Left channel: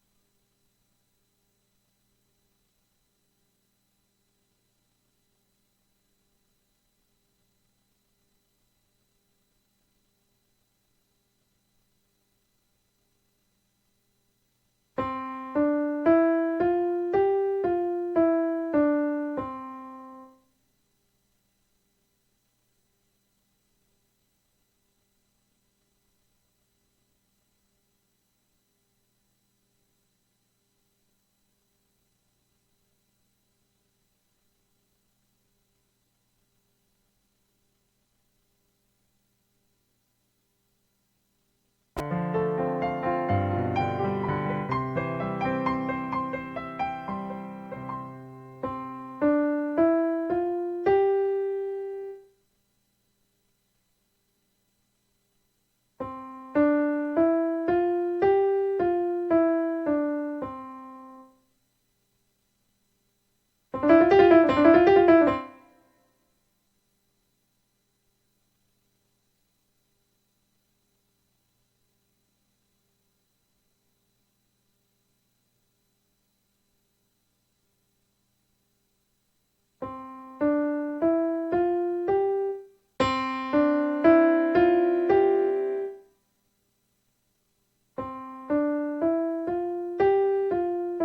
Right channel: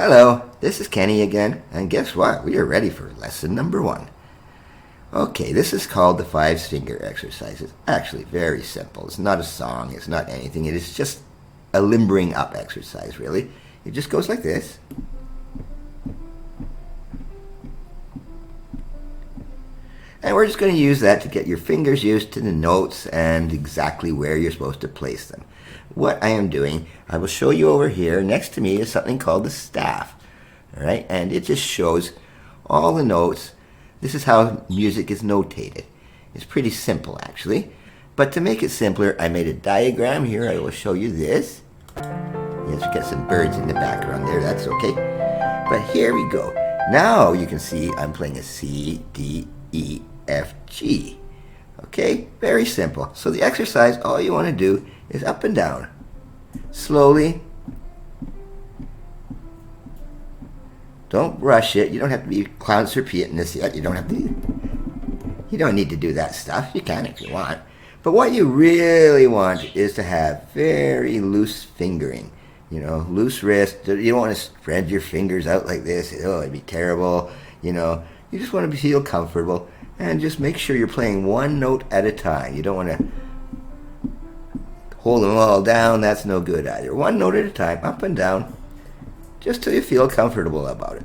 Hello, this is Kenny again, and guess what? We are ready for lesson number 1. Okay, this is called the 5-finger exercise. It's actually very simple. It's not a song, it's not anything. It is just a limbering up exercise, really. It just goes like this. And we're just going to use that to get your fingers used to the notes and exactly where you're supposed to place them. What I am doing, I will show you over here. Next to me is something called the staff. All right, and it just shows all the notes. This is how music is notated. It's pretty simple, actually. But to make it simpler, I made a diagram here. I will show you this. Let's get some birds in the background there. That's okay. But here we go. Now you can see I'm playing a C, D, E, F, G. Okay, very simple. So the exercise, all you want to do is up and down. Slowly. Don't rush it. You don't have to be concert pianist yet. You don't need to do that stuff. You can if you want. But what you really want is to have very loose fingering. You know, loose wrist. You don't want to spread your fingers out like this. Oh, it'd be terrible. You know, you just want to feel comfortable and just make sure you're playing one note at a time. You don't want to hold them all down. That's no good either. One note at a time, up and down, just till you feel comfortable about it.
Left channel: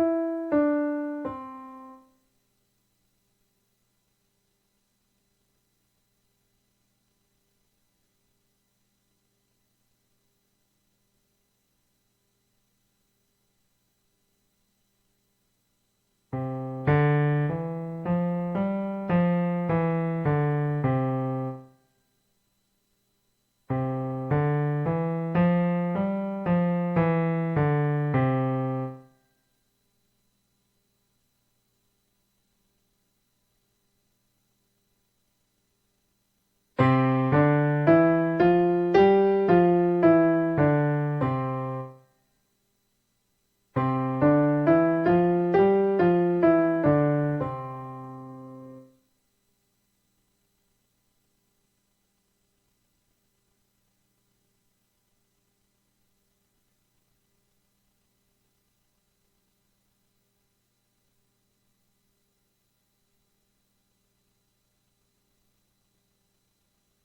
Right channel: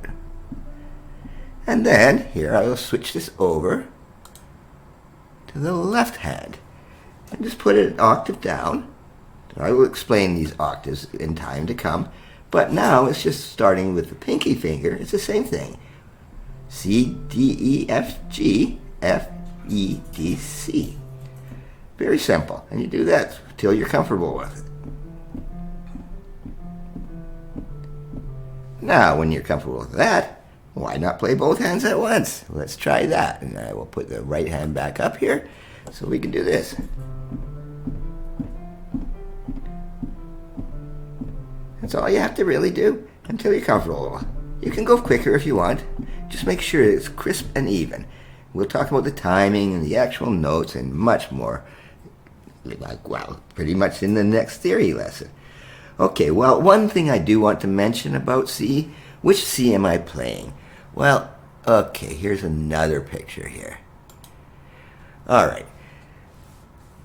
And then, here I will switch this over to the left hand and just put it an octave down. I will explain these octaves in time to come, but now it's just starting with the pinky finger. It's the same thing. C, D, E, F, G, F, E, D, C. Very simple, and you do that till you're comfortable with it. Now, when you're comfortable with that, why not play both hands at once? Let's try that. And I will put the right hand back up here so we can do this. That's all you have to really do until you're comfortable. You can go quicker if you want. Just make sure it's crisp and even. We'll talk about the timing and the actual notes and much more. Well, pretty much in the next theory lesson. Okay, well, one thing I do want to mention about C. Which C am I playing? Well, okay, here's another picture here. All right.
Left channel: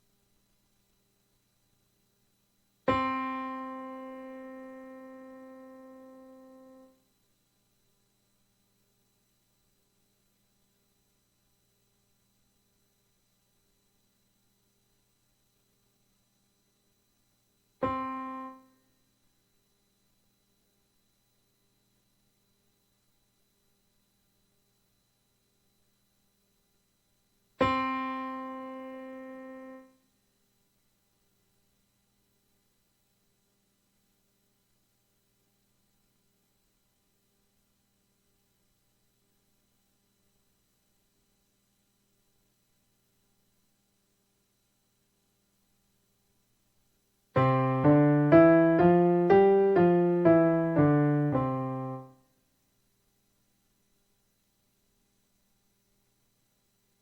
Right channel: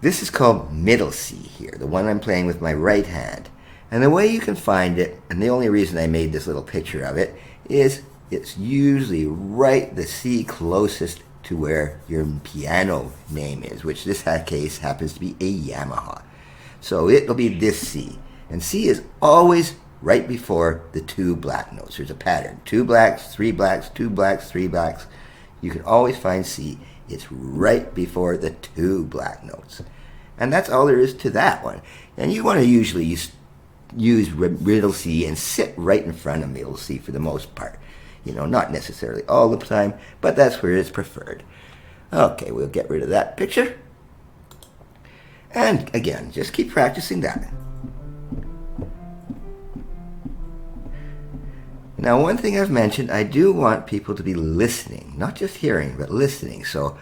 This is called middle C here, the one I'm playing with my right hand. And the way you can find it, and the only reason I made this little picture of it, is it's usually right the C closest to where your piano name is, which this case happens to be a Yamaha. So it'll be this C. And C is always right before the 2 black notes. There's a pattern. 2 blacks, 3 blacks, 2 blacks, 3 blacks. You can always find C. It's right before the 2 black notes. And that's all there is to that one. And you want to usually use middle C and sit right in front of middle C for the most part. You know, not necessarily all the time, but that's where it's preferred. Okay, we'll get rid of that picture. And again, just keep practicing that. Now, one thing I've mentioned, I do want people to be listening, not just hearing, but listening. So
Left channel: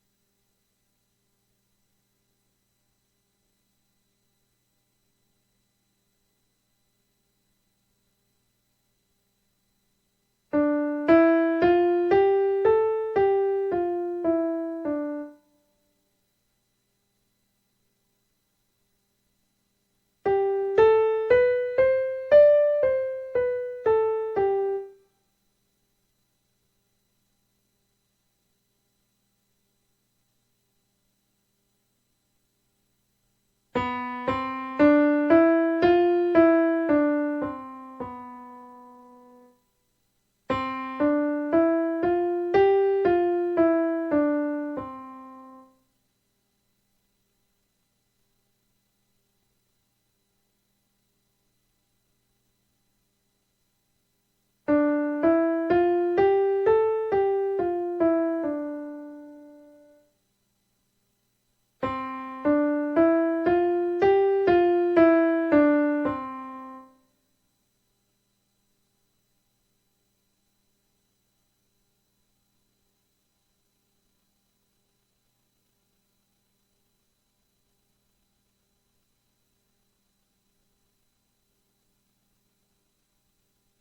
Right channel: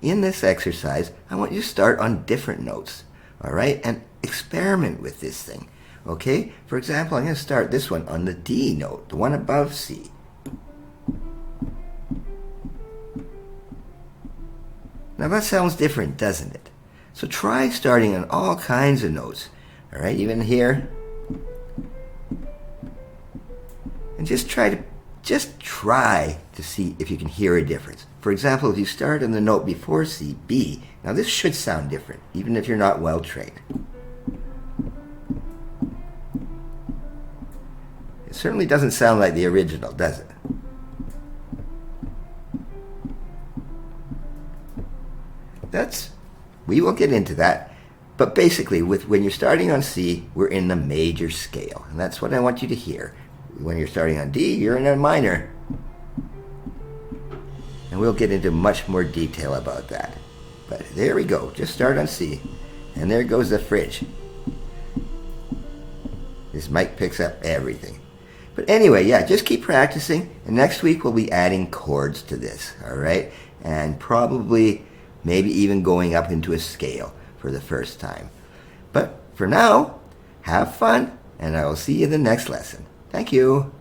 in this exercise, I want you to start on different notes, all right? And experiment with this thing, okay? For example, I'm going to start this one on the D note, the one above C. Now that sounds different, doesn't it? So try starting on all kinds of notes, all right? Even here. And just try to see if you can hear a difference. For example, if you start on the note before C, B, now this should sound different, even if you're not well trained. It certainly doesn't sound like the original, does it? We will get into that. But basically, when you're starting on C, we're in the major scale. And that's what I want you to hear. When you're starting on D, you're in a minor. And we'll get into much more detail about that. But there we go. Just start on C. And there goes the fridge. This mic picks up everything. But anyway, yeah, just keep practicing. And next week we'll be adding chords to this, all right? And probably maybe even going up into a scale for the first time. But for now, have fun, and I will see you in the next lesson. Thank you.